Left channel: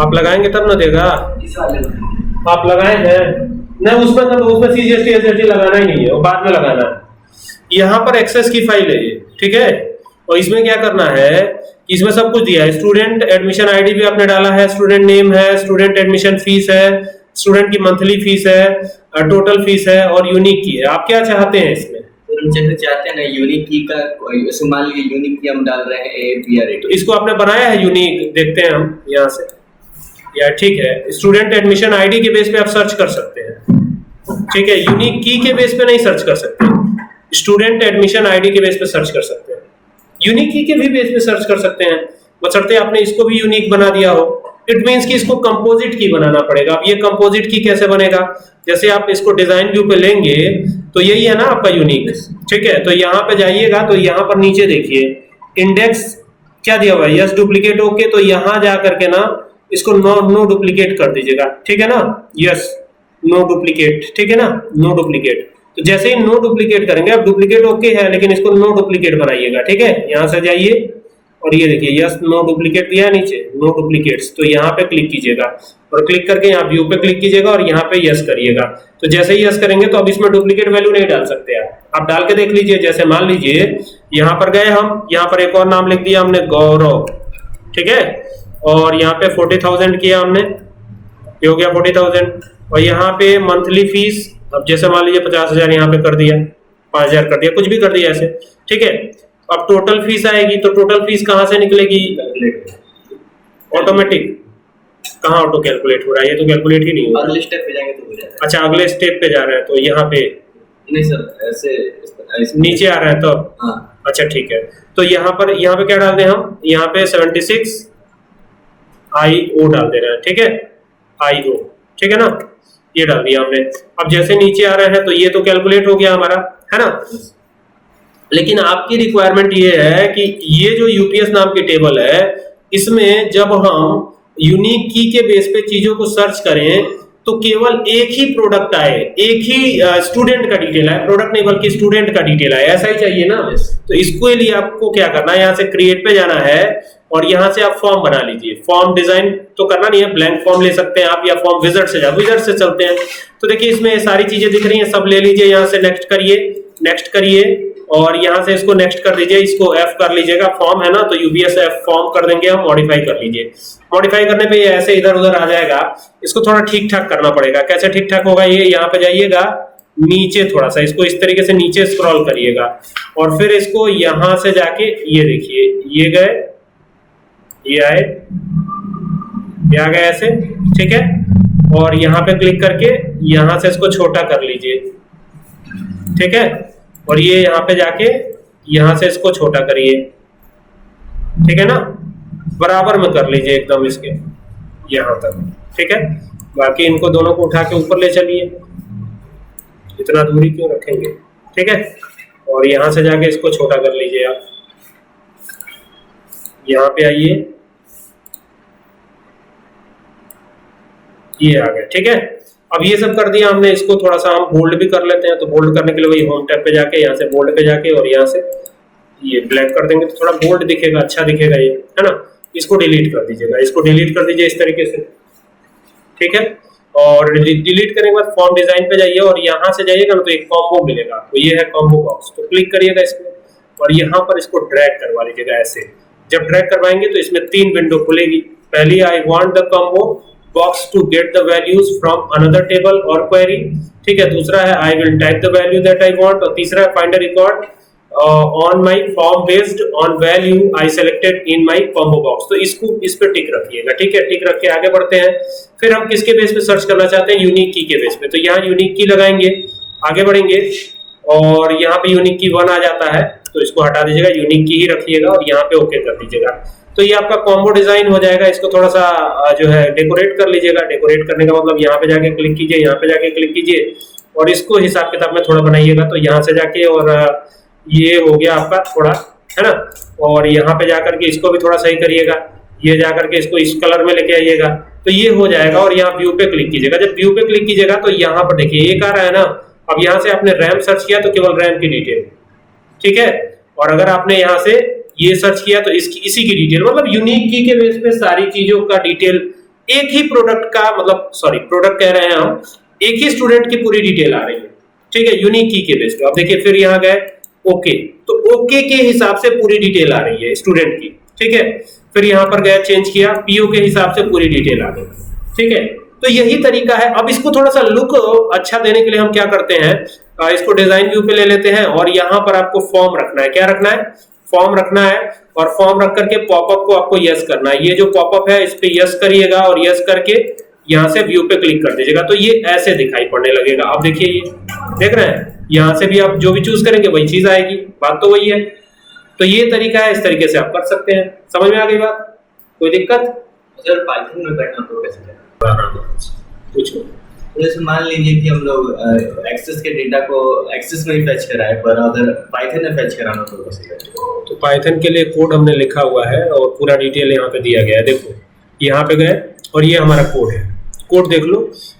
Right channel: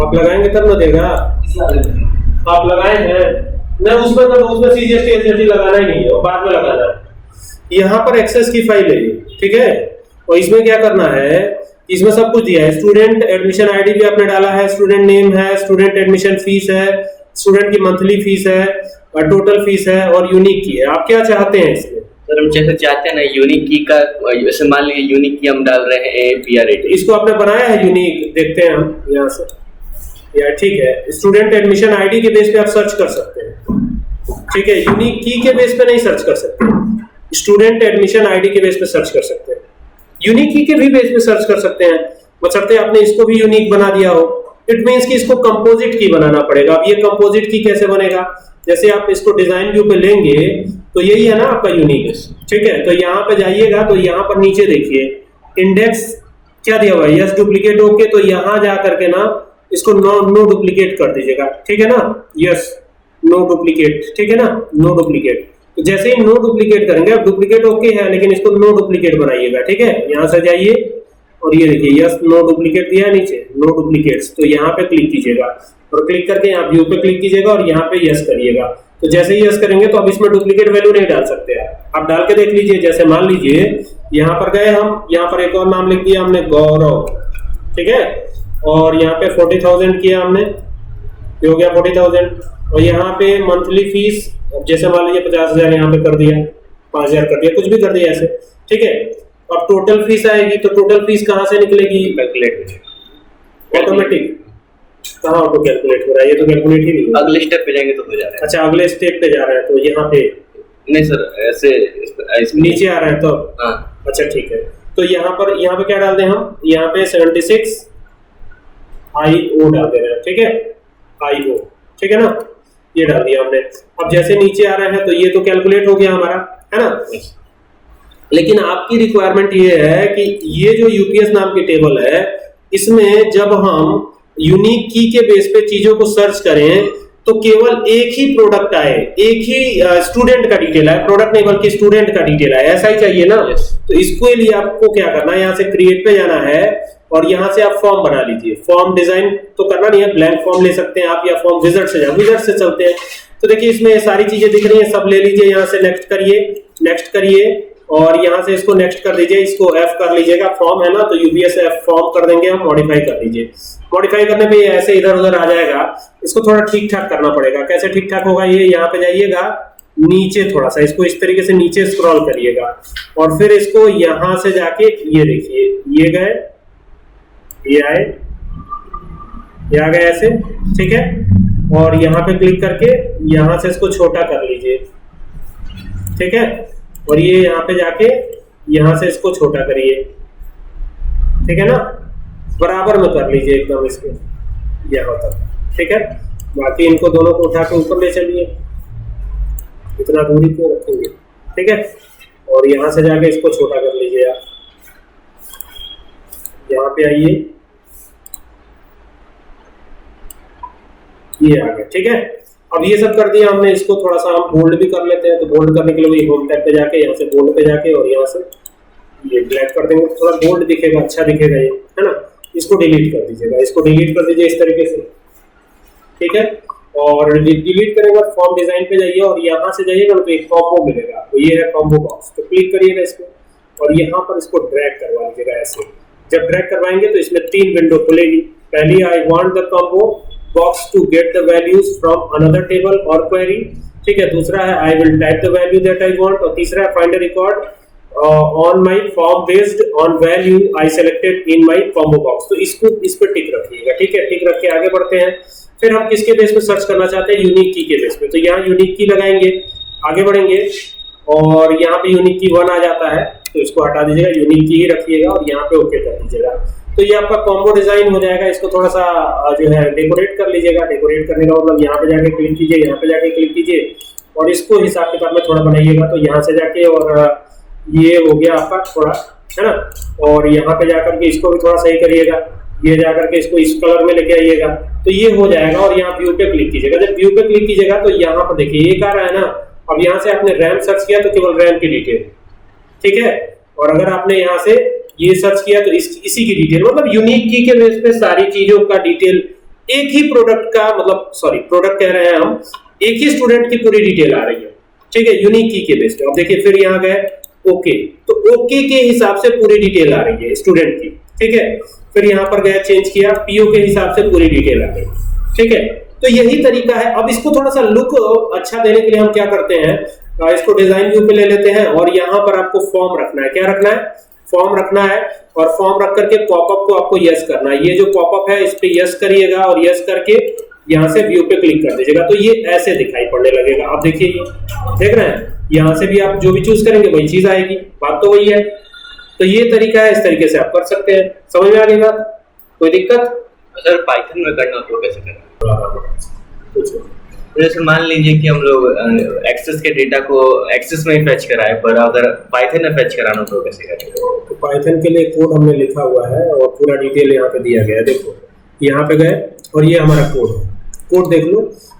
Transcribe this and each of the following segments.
आप लगाएंगे तब ना देगा। इस वाले में आप लगाए हैं नहीं, उसमें तो उसमें सीजीएसटी एसएसटी लगाना ही नहीं है, और बाद में लगाना है। यहाँ पर एक्सेस की फाइल है ये, ठीक है। और इसमें क्या करना है, इसमें सब कुछ दिया है। स्टूडेंट एडमिशन आईडी भी आपने डाला है, स्टूडेंट नेम है, स्टूडेंट एडमिशन फीस है, स्टूडेंट की मंथली फीस है, टोटल फीस है और यूनिक की है। आप क्या चाहते हैं इसमें? सर हम जैसे चाहते हैं ना यूनिक की का, जैसे मान लीजिए यूनिक की हम डाल रहे हैं APR। तो इसको आपने बनाया है यूनिक, देखते हैं हम यहाँ से। यार ठीक है, स्टूडेंट एडमिशन आईडी के बेस पे आप सर्च कर सकते हैं, ठीक है। यूनिक की के बेस पे नहीं सर्च कर सकते, स्टूडेंट एडमिशन आईडी के बेस पे सर्च कर सकते हैं। यूनिक की के भी बेस पे सर्च कर सकते हैं, बशर्ते आपने इसको भी यूनिक बना दिया हो। इट मींस कि इसको कंपोजिट की बनाना पड़ेगा। अब ये कंपोजिट की कैसे बनेगा, जैसे आप इसको डिजाइन व्यू पे लेंगे तो यही है ना आपका यूनिक, ठीक है। तो यहाँ पे जाइएगा तो यहाँ पर नीचे देखिए इंडेक्स क्या दिया हुआ है, यस डुप्लीकेट ओके। तो यहाँ जा करके ना इसको नो डुप्लीकेट कर दीजिएगा, ठीक है ना। यस नो डुप्लीकेट, ठीक है ना, नो डुप्लीकेट। तो जैसे ही नो डुप्लीकेट करेंगे, अब डुप्लीकेट ओके है लेकिन इसको नो डुप्लीकेट बनाइएगा, ठीक है। यहाँ से जाइए और ये देखिए यस नो डुप्लीकेट दिया है नीचे, नो डुप्लीकेट्स। तो यहाँ पे क्लिक कीजिएगा और क्लिक करके यहाँ व्यू पे क्लिक कीजिएगा और यहाँ पे यस करिएगा। तो जैसे ही यस करेंगे तो अब इसमें डुप्लीकेट वैल्यू नहीं डाल सकते आप डाल के देख लीजिए। जैसे मान लीजिए यहाँ पर गए हम, यहाँ पर एक और नाम लिख दिया हमने गौरव, ठीक है। और यहाँ पे 40,000 किया हमने, ये हो गया 40,000। और यहाँ पे मंथली फीस, अब जैसे मान लीजिए 50,000 यहाँ पे कर दिया, 5,000 कर दिया, कुछ भी कर दिया ऐसे, ठीक है। अब टोटल फीस आएगी, तो टोटल फीस कहाँ से निकलेगी? Calculate automatic. कहाँ ऑटो कैलकुलेट हो रहा है, ये तो कैलकुलेट ही नहीं हो रहा। अगले स्टेप पे जाएंगे तो हो जा रहा है। अच्छा अगले स्टेप पे जा रहे हैं, तो यहाँ पे नहीं सर ऐसे नीचे आ रहे हैं तो हाँ। अच्छा ठीक है। तो यहाँ पे क्या डाल दें हम, यहाँ पे 76 IO डाल दे रहे हैं, ठीक है, IO, ठीक है ना, ये डाल दिया हमने। अब जैसे नीचे आ रहे हैं तो ये तो कैलकुलेट हो गया हमारा, है ना। लेकिन आपकी रिक्वायरमेंट ये है कि ये जो यूपीएस नाम की टेबल है, इसमें जब हम यूनिक की के बेस पे चीजों को सर्च करें तो केवल एक ही प्रोडक्ट आए, एक ही स्टूडेंट का डिटेल आए, प्रोडक्ट नहीं बल्कि स्टूडेंट का डिटेल आए, ऐसा ही चाहिए ना। तो इसके लिए आपको क्या करना है, यहाँ से क्रिएट पे जाना है और यहाँ से आप फॉर्म बना लीजिए। फॉर्म डिजाइन तो करना नहीं है, ब्लैंक फॉर्म ले सकते हैं आप, या फॉर्म विजार्ड से जाओ, विजार्ड से चलते हैं। तो देखिए इसमें सारी चीजें दिख रही हैं, सब ले लीजिए, यहाँ से नेक्स्ट करिए, नेक्स्ट करिए और यहाँ से इसको नेक्स्ट कर दीजिए, इसको F कर लीजिएगा। फॉर्म है ना तो यूपीएस F फॉर्म कर देंगे हम, मॉडिफाई कर लीजिए। मॉडिफाई करने पे ये ऐसे इधर उधर आ जाएगा, इसको थोड़ा ठीक ठाक करना पड़ेगा। कैसे ठीक ठाक होगा, ये यहाँ पे जाइएगा नीचे, थोड़ा सा इसको इस तरीके से नीचे स्क्रॉल करिएगा और फिर इसको यहाँ से जाके ये देखिए, ये गए, ये आए, ये आ गए ऐसे, ठीक है। और यहाँ पे क्लिक करके यहाँ से इसको छोटा कर लीजिए, ठीक है। और ये यहाँ पे जाके यहाँ से इसको छोटा करिए, ठीक है ना, बराबर में कर लीजिए एकदम इसके यहाँ तक, ठीक है। बाकी इनको दोनों को उठा के ऊपर ले चलिए, इतना दूरी क्यों रखेंगे, ठीक है। और यहाँ से जाके इसको छोटा कर लीजिए आप, यहाँ पे आइए, ये आ गया, ठीक है। अब ये सब कर दिया हमने, इसको थोड़ा सा हम बोल्ड भी कर लेते हैं। तो बोल्ड करने के लिए वही होम टैब पे जाके यहाँ से बोल्ड पे जाके और यहाँ से ये ब्लैक कर देंगे तो थोड़ा बोल्ड दिखेगा, अच्छा दिखेगा ये, है ना। इसको डिलीट कर दीजिएगा, इसको डिलीट कर दीजिए इस तरीके से, ठीक है। और डिलीट करने के बाद फॉर्म डिजाइन पे जाइए और यहाँ से जाइएगा ना तो एक कॉम्बो मिलेगा, तो ये है कॉम्बो बॉक्स। तो क्लिक करिएगा इस पर और यहाँ पर इसको ड्रैग करवा लीजिएगा ऐसे। जब ड्रैग करवाएंगे तो इसमें 3 विंडो खुलेगी। पहली I want the combo box to get the values from another table और क्वेरी, ठीक है। दूसरा है I will type the value that I want, और तीसरा है find a record on my form based on value I selected in my combo box. तो इसको इस पे टिक रखिएगा, ठीक है। टिक रख के आगे बढ़ते हैं। फिर हम किसके बेस पे सर्च करना चाहते हैं, यूनिक की के बेस पे। तो यहाँ यूनिक की लगाएंगे, आगे बढ़ेंगे और यहाँ पे यूनिक की 1 आ जाता है तो इसको हटा दीजिएगा, यूनिक की ही रखिएगा और यहाँ पे ओके कर दीजिएगा। तो ये आपका कॉम्बो डिजाइन हो जाएगा। इसको थोड़ा सा जो है डेकोरेट कर लीजिएगा। डेकोरेट करने का मतलब यहाँ पे जाके क्लिक कीजिए, यहाँ पे जाके क्लिक कीजिए और इसको हिसाब किताब में थोड़ा बनाइएगा। तो यहाँ से जाके और ये हो गया आपका थोड़ा, है ना। और यहाँ पे जाकर के इसको भी थोड़ा सही करिएगा, ये जाकर के इसको इस कलर में लेके आइएगा तो ये हो जाएगा। और यहाँ व्यू पे क्लिक कीजिएगा। जब व्यू पे क्लिक कीजिएगा तो यहाँ पर देखिए एक आ रहा है ना। अब यहाँ से आपने रैम सर्च किया तो केवल रैम की डिटेल, ठीक है। और अगर आपने यहाँ से ये सर्च किया तो इसी की डिटेल, मतलब यूनिक की के बेस पे सारी चीजों का डिटेल एक ही प्रोडक्ट का मतलब सॉरी प्रोडक्ट कह रहे हैं हम, एक ही स्टूडेंट की पूरी डिटेल आ रही है, ठीक है, यूनिक की के बेस पे। अब देखिए फिर यहाँ गए ओके, तो ओके के हिसाब से पूरी डिटेल आ रही है स्टूडेंट की, ठीक है। फिर यहाँ पर गया चेंज किया, पीओ के हिसाब से पूरी डिटेल आ गई, ठीक है। तो यही तरीका है। अब इसको थोड़ा सा लुक अच्छा देने के लिए हम क्या करते हैं, इसको डिजाइन व्यू पे ले लेते हैं और यहाँ पर आपको फॉर्म रखना है। क्या रखना है? फॉर्म रखना है। और फॉर्म रख करके पॉपअप को आपको यस करना है। ये जो पॉपअप है इस पे यस करिएगा और यस करके यहाँ से व्यू पे क्लिक कर दीजिएगा, तो ये ऐसे दिखाई पड़ने लगेगा। अब देखिए ये देख रहे हैं, यहाँ से भी आप जो भी चूज करेंगे वही चीज आएगी, बात तो वही है। तो ये तरीका है, इस तरीके से आप कर सकते हैं। समझ में आ गई बात? कोई दिक्कत? सर पाइथन में करना तो कैसे करना? कुछ जैसे मान लीजिए कि हम लोग एक्सेस के डेटा को एक्सेस में ही फेच कराए, पर अगर पाइथन में फेच कराना तो कैसे करें? तो पाइथन के लिए कोड हमने लिखा हुआ है और पूरा डिटेल यहाँ पे दिया गया है। देखो यहाँ पे गए और ये हमारा कोड है, कोड देख लो।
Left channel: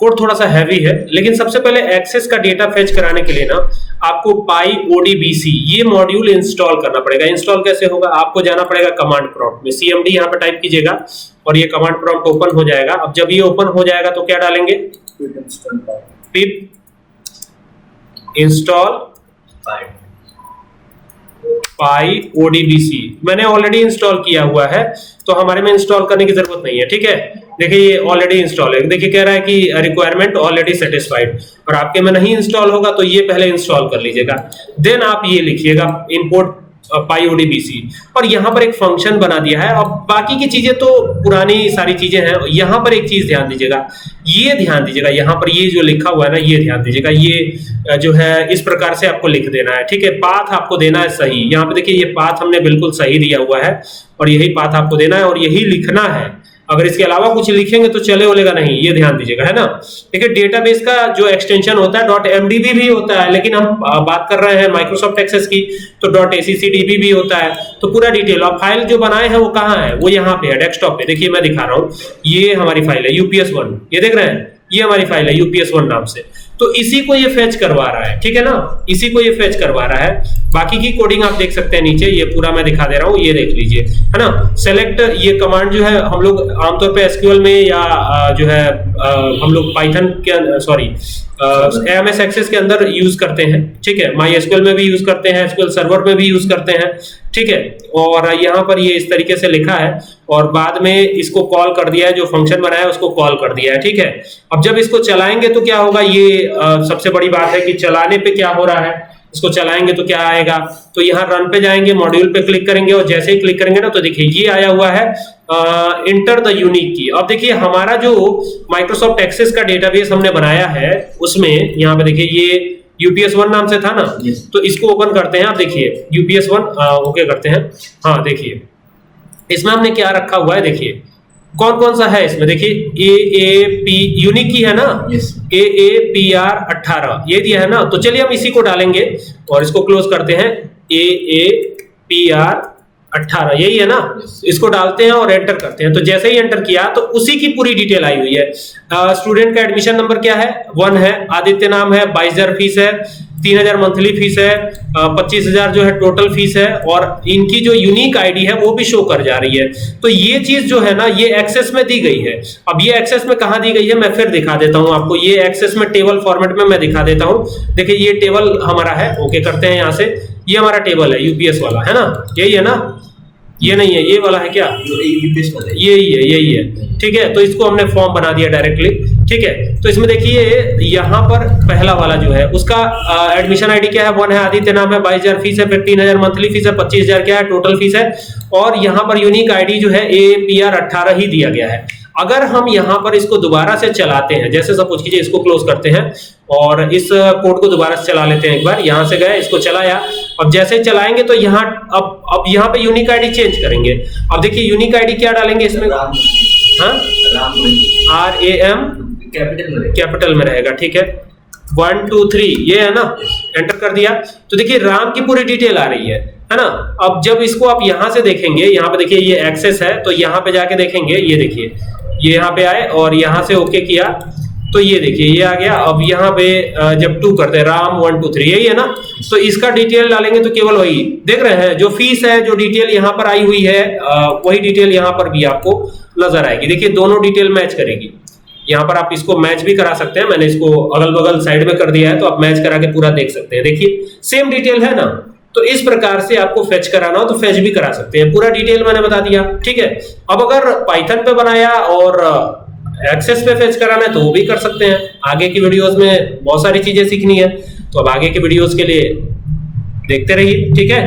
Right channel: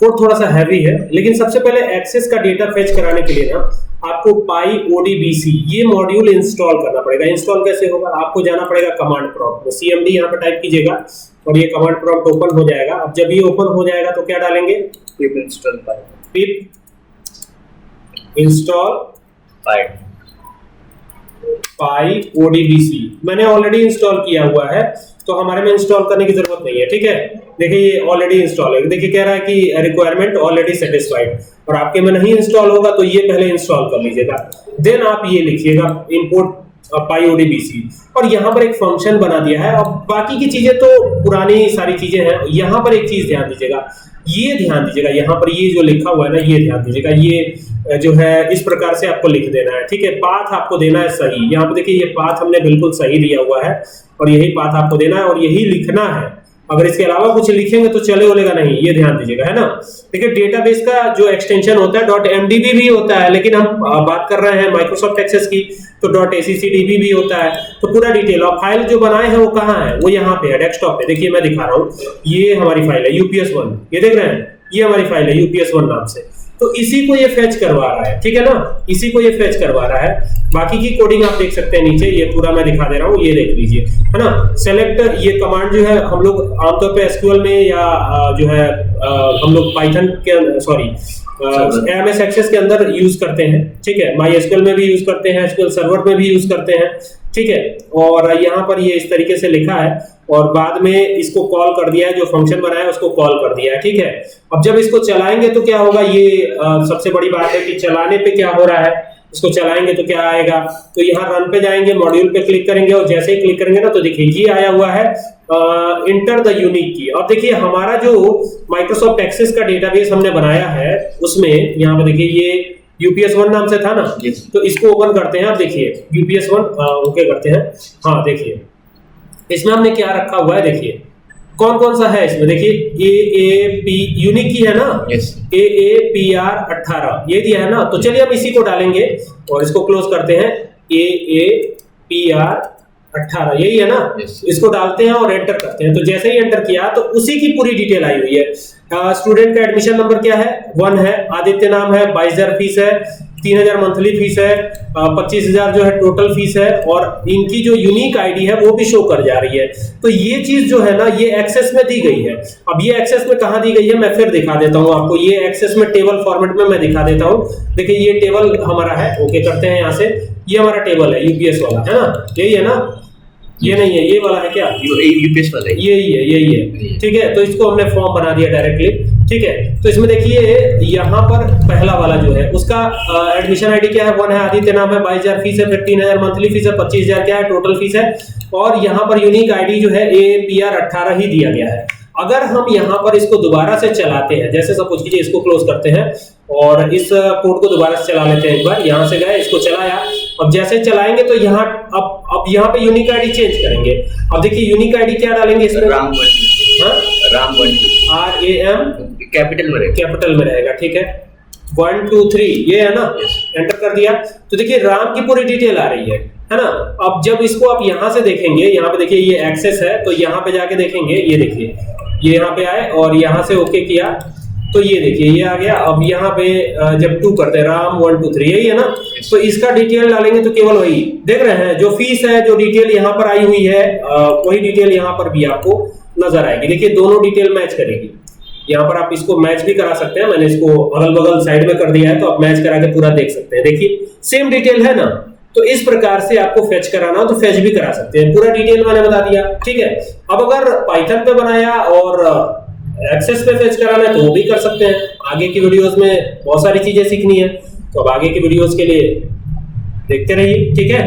कोड थोड़ा सा हैवी है, लेकिन सबसे पहले एक्सेस का डेटा फेच कराने के लिए ना आपको pyodbc ये मॉड्यूल इंस्टॉल करना पड़ेगा। इंस्टॉल कैसे होगा? आपको जाना पड़ेगा कमांड प्रॉम्प्ट में, cmd यहाँ पे टाइप कीजिएगा और ये कमांड प्रॉम्प्ट ओपन हो जाएगा। अब जब ये ओपन हो जाएगा तो क्या डालेंगे? पिप इंस्टॉल pyodbc मैंने ऑलरेडी इंस्टॉल किया हुआ है, तो हमारे में इंस्टॉल करने की जरूरत नहीं है, ठीक है। देखिए ये ऑलरेडी इंस्टॉल है। देखिए कह रहा है कि रिक्वायरमेंट ऑलरेडी सेटिस्फाइड, और आपके में नहीं इंस्टॉल होगा तो ये पहले इंस्टॉल कर लीजिएगा। देन आप ये लिखिएगा इंपोर्ट pyodbc और यहाँ पर एक फंक्शन बना दिया है। अब बाकी की चीजें तो पुरानी सारी चीजें हैं। यहाँ पर एक चीज ध्यान दीजिएगा, ये ध्यान दीजिएगा, यहाँ पर ये जो लिखा हुआ है ना, ये ध्यान दीजिएगा। ये जो है इस प्रकार से आपको लिख देना है, ठीक है। पाथ आपको देना है सही। यहाँ पे देखिए ये पाथ हमने बिल्कुल सही दिया हुआ है और यही पाथ आपको देना है और यही लिखना है। अगर इसके अलावा कुछ लिखेंगे तो चले बोलेगा नहीं, ये ध्यान दीजिएगा, है ना। देखिए डेटाबेस का जो एक्सटेंशन होता है .mdb भी होता है, लेकिन हम बात कर रहे हैं माइक्रोसॉफ्ट एक्सेस की, तो .accdb भी होता है। तो पूरा डिटेल और फाइल जो बनाए हैं वो कहाँ है? वो यहाँ पे है डेस्कटॉप पे। देखिए मैं दिखा रहा हूँ, ये हमारी फाइल है UPS1, ये देख रहे हैं, ये हमारी फाइल है UPS1 नाम से। तो इसी को ये फेच करवा रहा है, ठीक है ना, इसी को ये फेच करवा रहा है। बाकी की कोडिंग आप देख सकते हैं नीचे, ये पूरा मैं दिखा दे रहा हूँ, ये देख लीजिए, है ना। सेलेक्ट ये कमांड जो है हम लोग आमतौर पे एसक्यूएल में या जो है हम लोग पाइथन के सॉरी एमएस एक्सेस के अंदर यूज करते हैं, ठीक है। माई एसक्यूएल में भी यूज करते हैं, एसक्यूएल सर्वर में भी यूज करते हैं, ठीक है। और यहाँ पर ये इस तरीके से लिखा है और बाद में इसको कॉल कर दिया है, जो फंक्शन बनाया है उसको कॉल कर दिया है, ठीक है। अब जब इसको चलाएंगे तो क्या होगा, ये सबसे बड़ी बात है कि चलाने पे क्या हो रहा है। इसको चलाएंगे तो क्या आएगा, तो यहाँ रन पे जाएंगे, मॉड्यूल पे क्लिक करेंगे और जैसे ही क्लिक करेंगे ना तो देखिए ये आया हुआ है इंटर द यूनिक की। अब देखिए हमारा जो माइक्रोसॉफ्ट एक्सेस का डेटाबेस हमने बनाया है उसमें यहाँ पे देखिए ये UPS1 नाम से था ना, तो इसको ओपन करते हैं। अब देखिए UPS1 ओके करते हैं। हाँ देखिए इसमें हमने क्या रखा हुआ है, देखिए कौन कौन सा है इसमें। देखिए AAP यूनिक की है ना, AAPR 18 ये दिया है ना। तो चलिए हम इसी को डालेंगे और इसको क्लोज करते हैं। AAPR 18 यही है ना, इसको डालते हैं और एंटर करते हैं। तो जैसे ही एंटर किया तो उसी की पूरी डिटेल आई हुई है। स्टूडेंट का एडमिशन नंबर क्या है? 1 है, आदित्य नाम है, 22,000 फीस है, 3,000 मंथली फीस है, 25,000 जो है टोटल फीस है, और इनकी जो यूनिक आईडी है वो भी शो कर जा रही है। तो ये चीज जो है ना ये एक्सेस में दी गई है। अब ये एक्सेस में कहाँ दी गई है मैं फिर दिखा देता हूँ आपको। ये एक्सेस में टेबल फॉर्मेट में मैं दिखा देता हूँ। देखिए ये टेबल हमारा है, ओके करते हैं यहाँ से। ये हमारा टेबल है यूपीएस वाला, है ना, यही है ना, ये नहीं है, ये वाला है क्या, यूपीएस वाला है, यही है, ठीक है। तो इसको हमने फॉर्म बना दिया डायरेक्टली, ठीक है। तो इसमें देखिए यहाँ पर पहला वाला जो है उसका एडमिशन आईडी क्या है, 1 है, आदित्य नाम है, 22,000 फीस है, फिर 3,000 मंथली फीस है, 25,000 क्या है टोटल फीस है, और यहाँ पर यूनिक आईडी जो है AAPR 18 ही दिया गया है। अगर हम यहाँ पर इसको दोबारा से चलाते हैं, जैसे सपोज कीजिए इसको क्लोज करते हैं और इस कोड को दोबारा से चला लेते हैं एक बार। यहाँ से गए, इसको चलाया, अब जैसे चलाएंगे तो यहाँ अब यहाँ पे यूनिक आईडी चेंज करेंगे। अब देखिए यूनिक आईडी क्या डालेंगे इसमें, RAM कैपिटल में रहेगा, ठीक है, 1 2 3 ये है ना, एंटर कर दिया। तो देखिए राम की पूरी डिटेल आ रही है ना। अब जब इसको आप यहाँ से देखेंगे, यहाँ पे देखिए ये एक्सेस है, तो यहाँ पे जाके देखेंगे, ये देखिए ये यहाँ पे आए और यहाँ से ओके किया तो ये देखिए ये आ गया। अब यहाँ पे जब 2 करते हैं राम 1 2 3 यही है ना, तो इसका डिटेल डालेंगे तो केवल वही देख रहे हैं, जो फीस है, जो डिटेल यहाँ पर आई हुई है वही डिटेल यहाँ पर भी आपको नजर आएगी। देखिए दोनों डिटेल मैच करेगी। यहाँ पर आप इसको मैच भी करा सकते हैं, मैंने इसको अगल बगल साइड में कर दिया है, तो आप मैच करा के पूरा देख सकते हैं। देखिए सेम डिटेल है ना, तो इस प्रकार से आपको फेच कराना हो तो फेच भी करा सकते हैं। पूरा डिटेल मैंने बता दिया, ठीक है। अब अगर पाइथन पे बनाया और एक्सेस पे फेच कराना है तो वो भी कर सकते हैं। आगे की वीडियोस में बहुत सारी चीजें सीखनी है, तो अब आगे के वीडियोस के लिए देखते रहिए, ठीक है।